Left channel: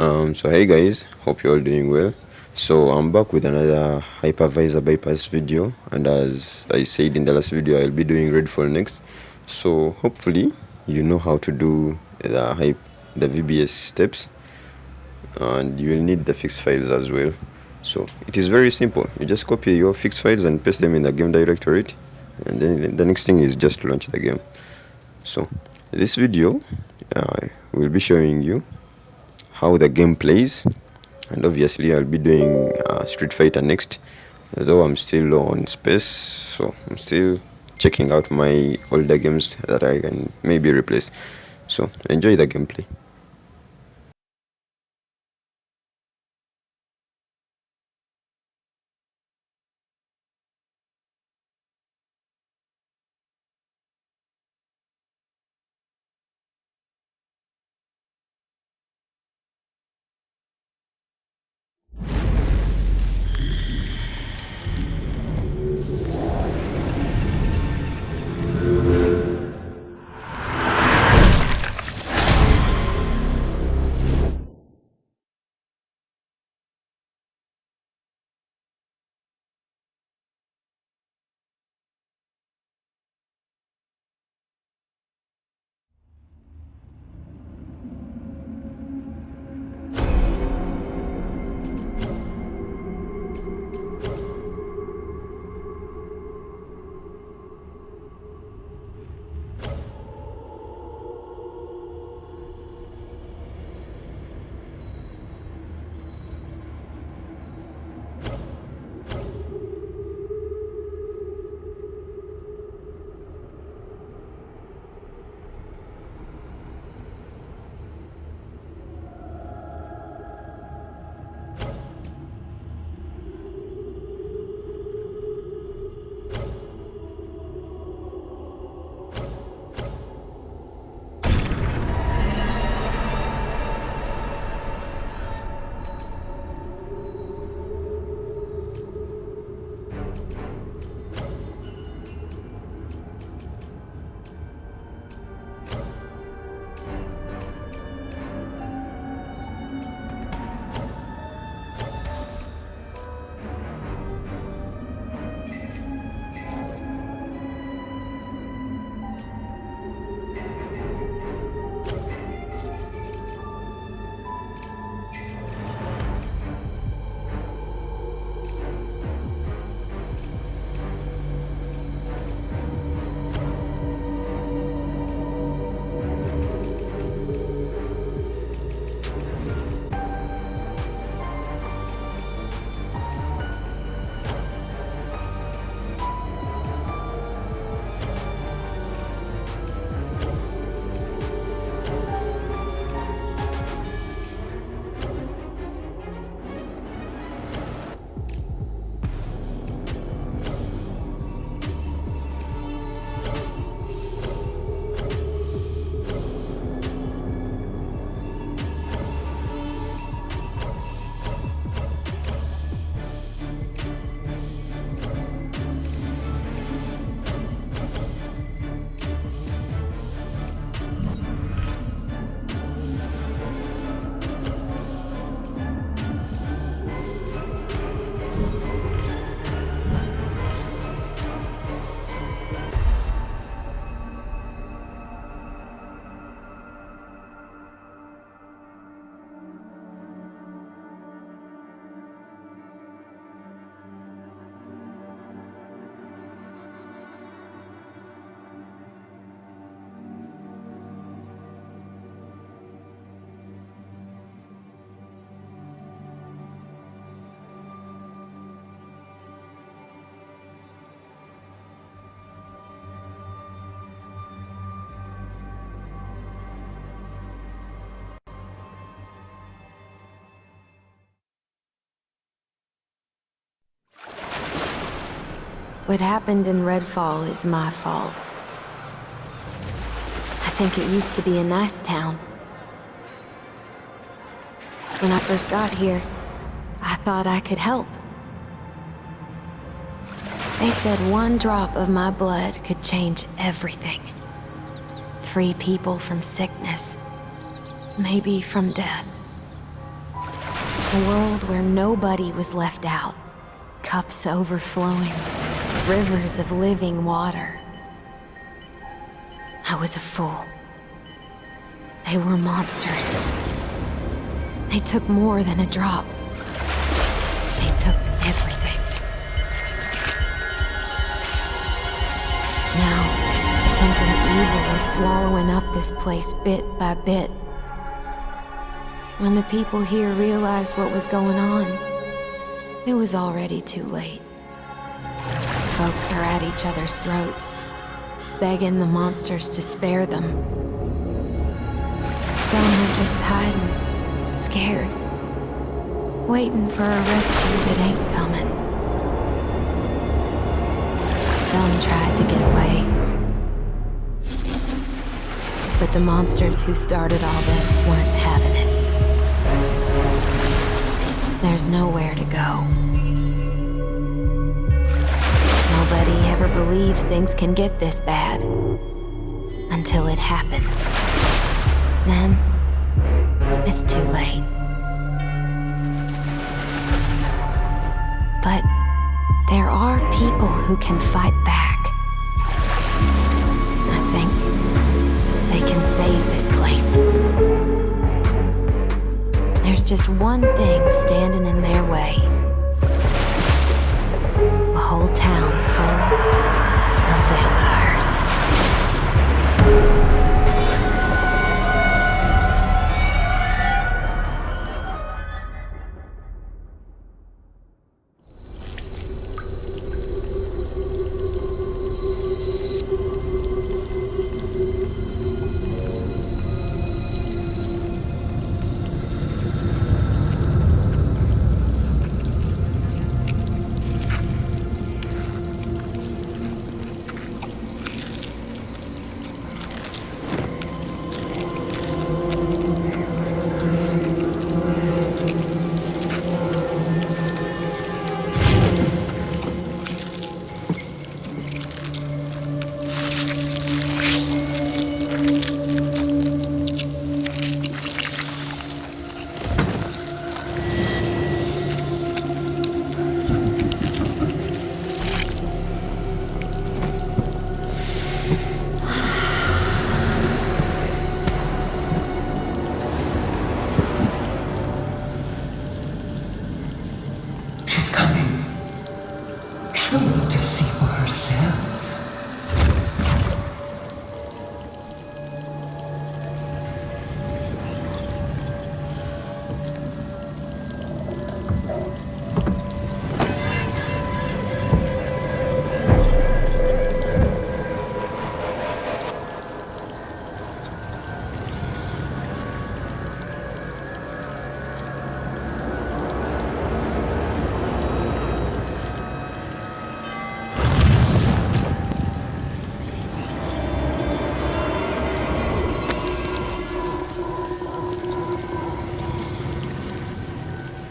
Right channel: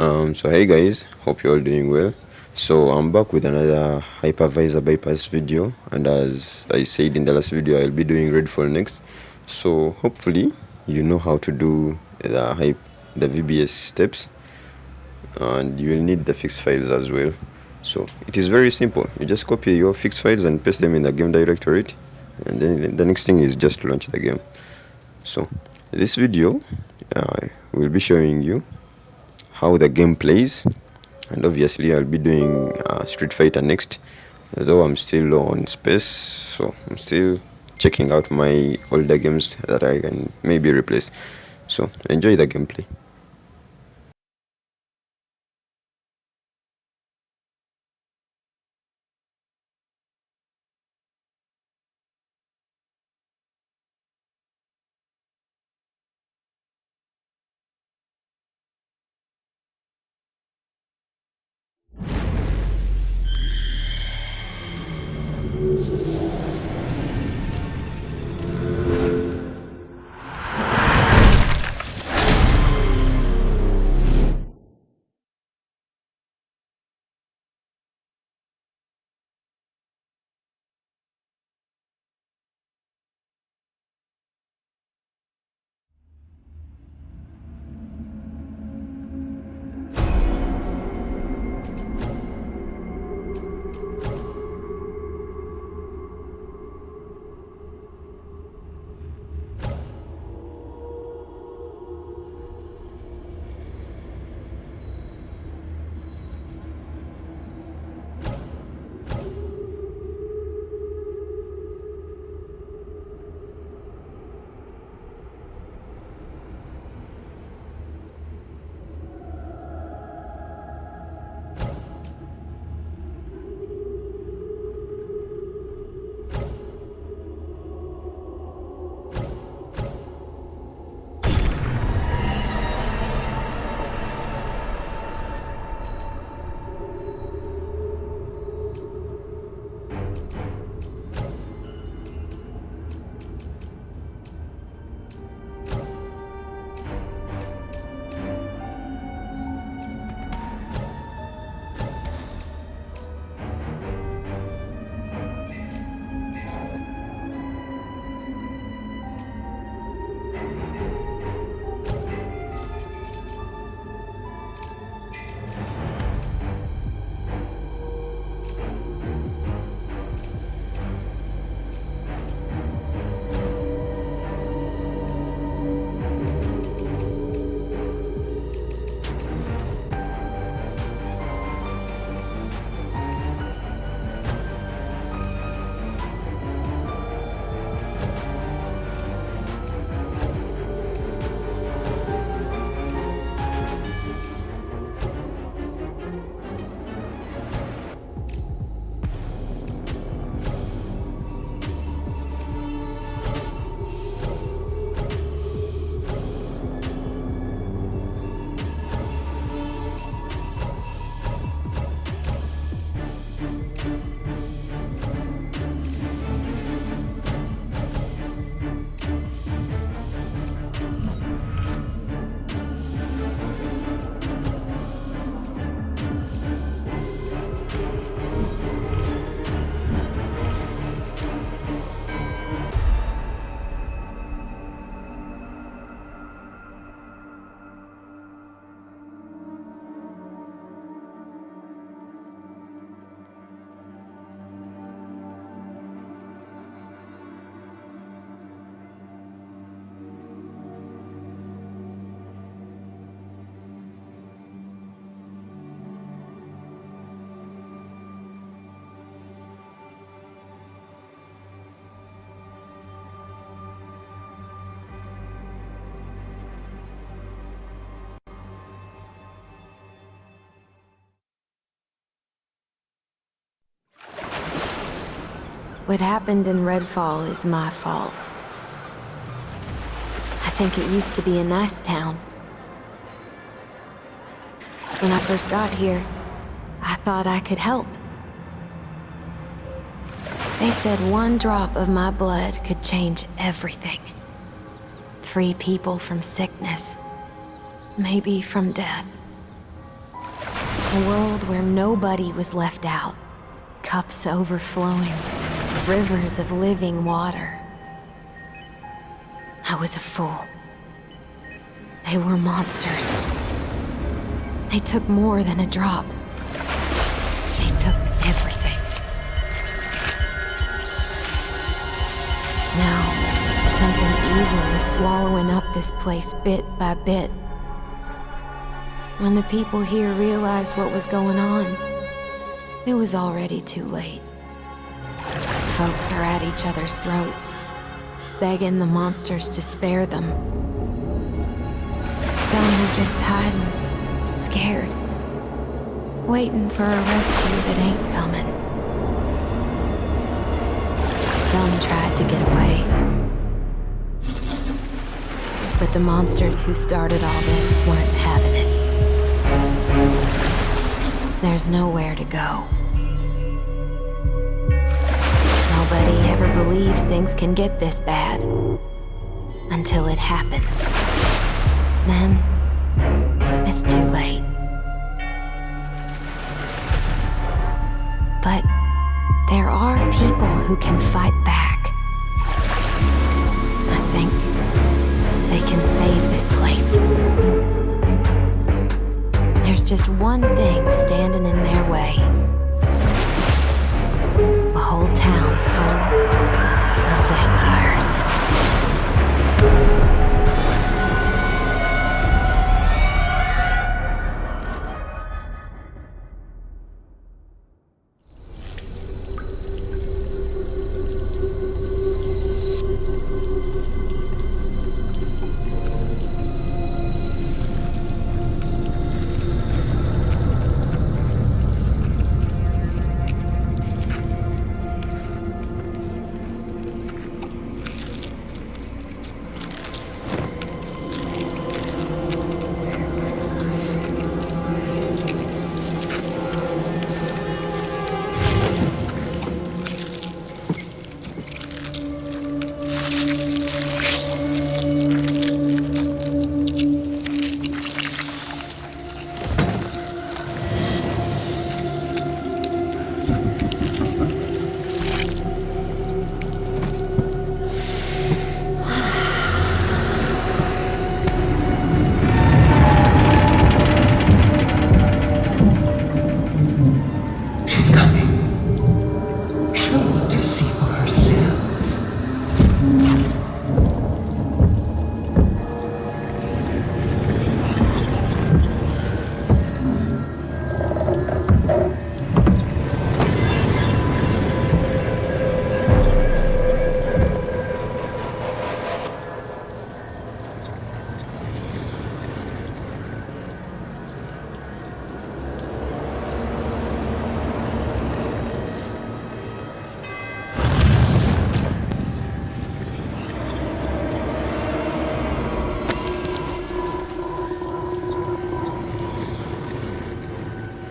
So hey guys, hope you're all doing well. So I'm back with another hypervisor bypass video, and as I said in the last video, I'll be doing REDFALL next. So hopefully you know how to do the VBS steps, and you will need the fixed files as well. So it is very simple. You just copy your fixed files and paste them in the game directory, and then the next thing is just to launch the game. So this video will be showing you how the game plays, and obviously I'll be doing Street Fighter next, though I'm still low on space, so I'm still checking out my older games that I can maybe replace. So enjoy the gameplay. What happened in REDFALL is my fault. I think it used to be a nice town. When I first got here, I thought I could help. They said one drop of my blood could change everything. Free people from sickness, maybe from death. A world where nobody was left out. Cups overflowing. Rivers of living water. I was a fool. They were monsters. They took more than a drop. They took everything. Now, something evil was swallowing up this place bit by bit. When the people here realized what was going on, it was already too late. Folks are at each other's throats, begging the monsters to spare them. Some are just hiding, scared, waiting for a rescue that ain't coming. Some tried to get away. But the monsters who started all this weren't having it. There's nowhere to go. Nobody ever believes things can get this bad. Until it happens. Then, it's too late. But there are people who can fight back. I think they can save this place. There's just one thing standing in their way. A whole town full of vampires.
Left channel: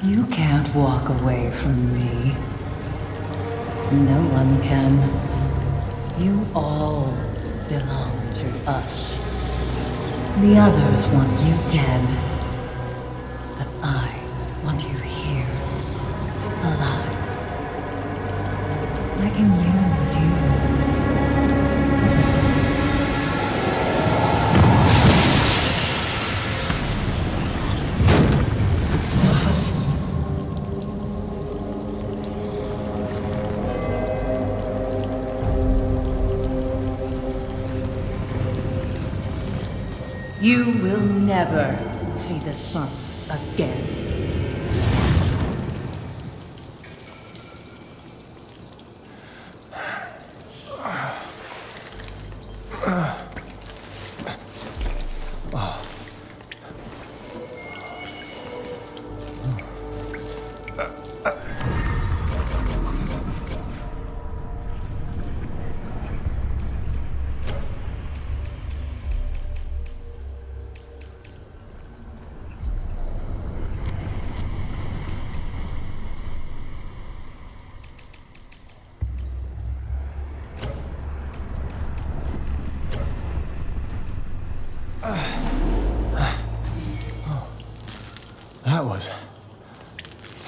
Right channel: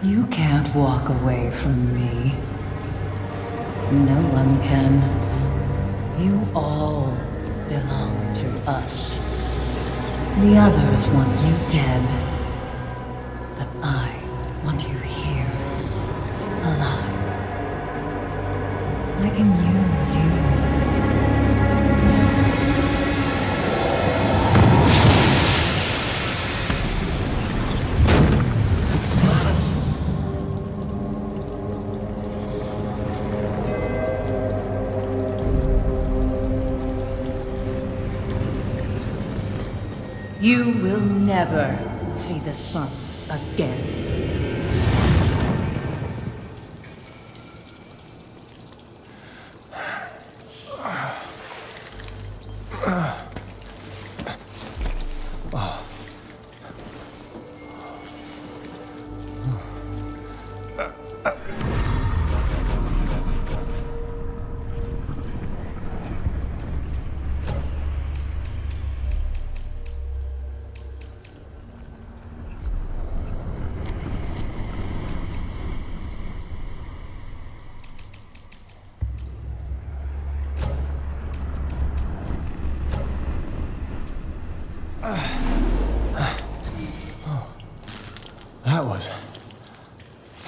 You can't walk away from me. No one can. You all belong to us. The others want you dead. But I want you here, alive. I can use you. You will never see the sun again.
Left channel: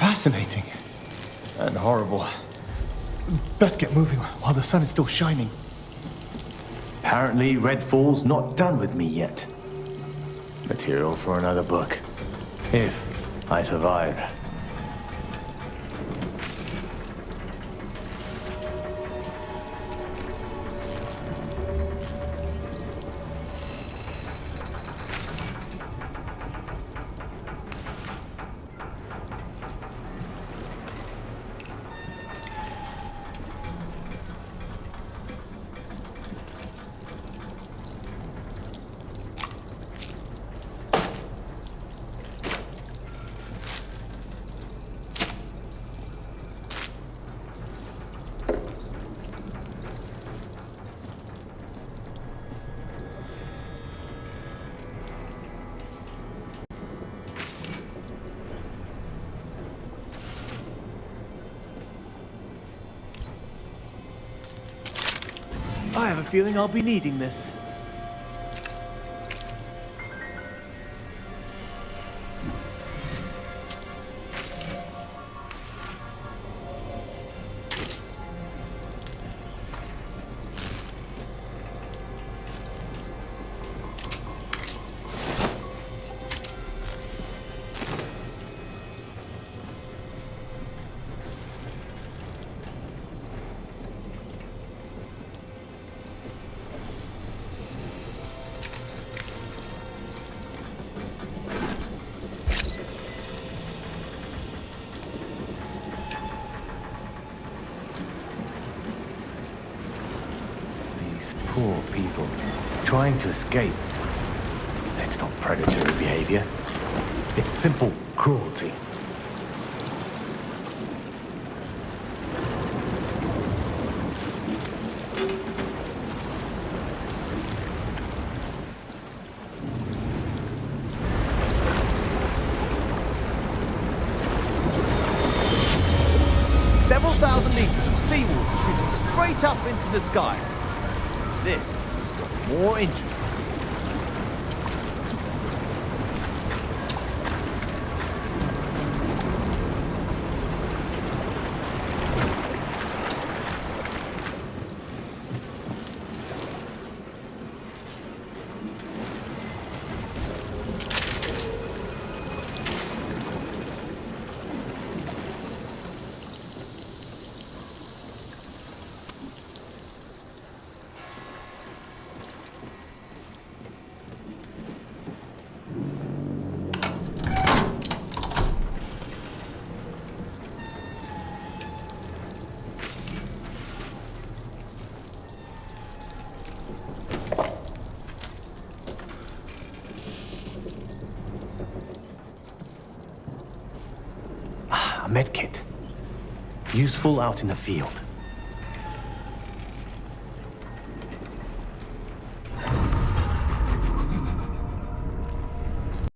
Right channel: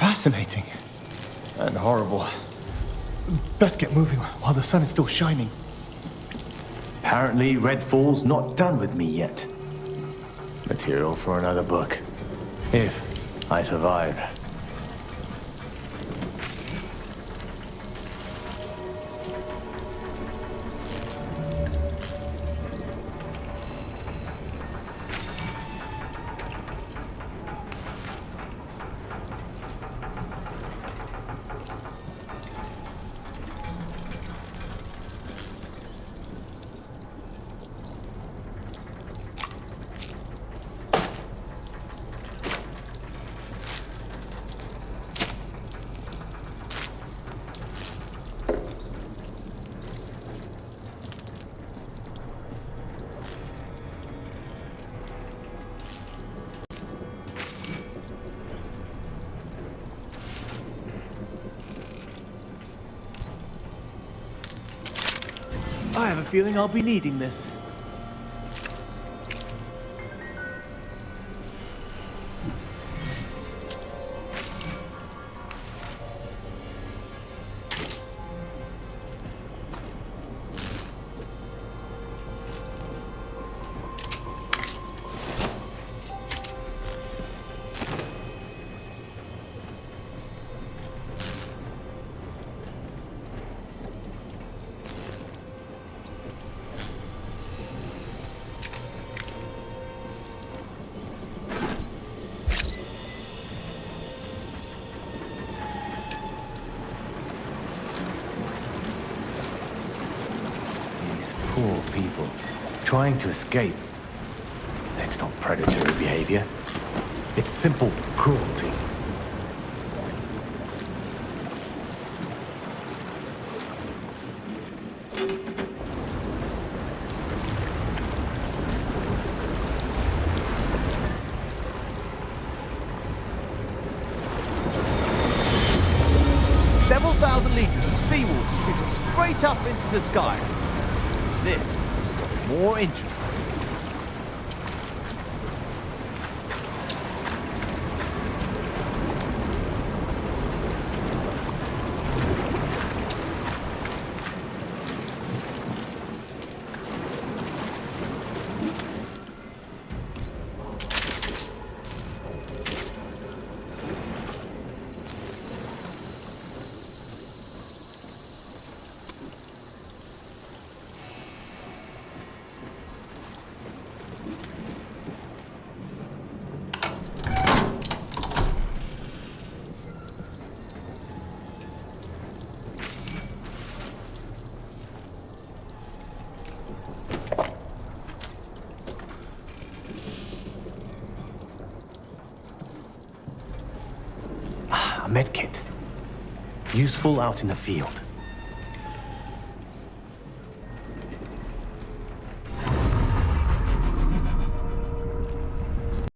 Fascinating. And horrible. Best get moving while the sun is still shining. Apparently, Redfall's not done with me yet. Material for another book. If I survive. I have a feeling I'll be needing this. These poor people trying to escape. It's not predatory behavior. It's simple cruelty. Several thousand liters of seawater shooting straight up into the sky. This has got more interesting. A medkit. Useful out in the field.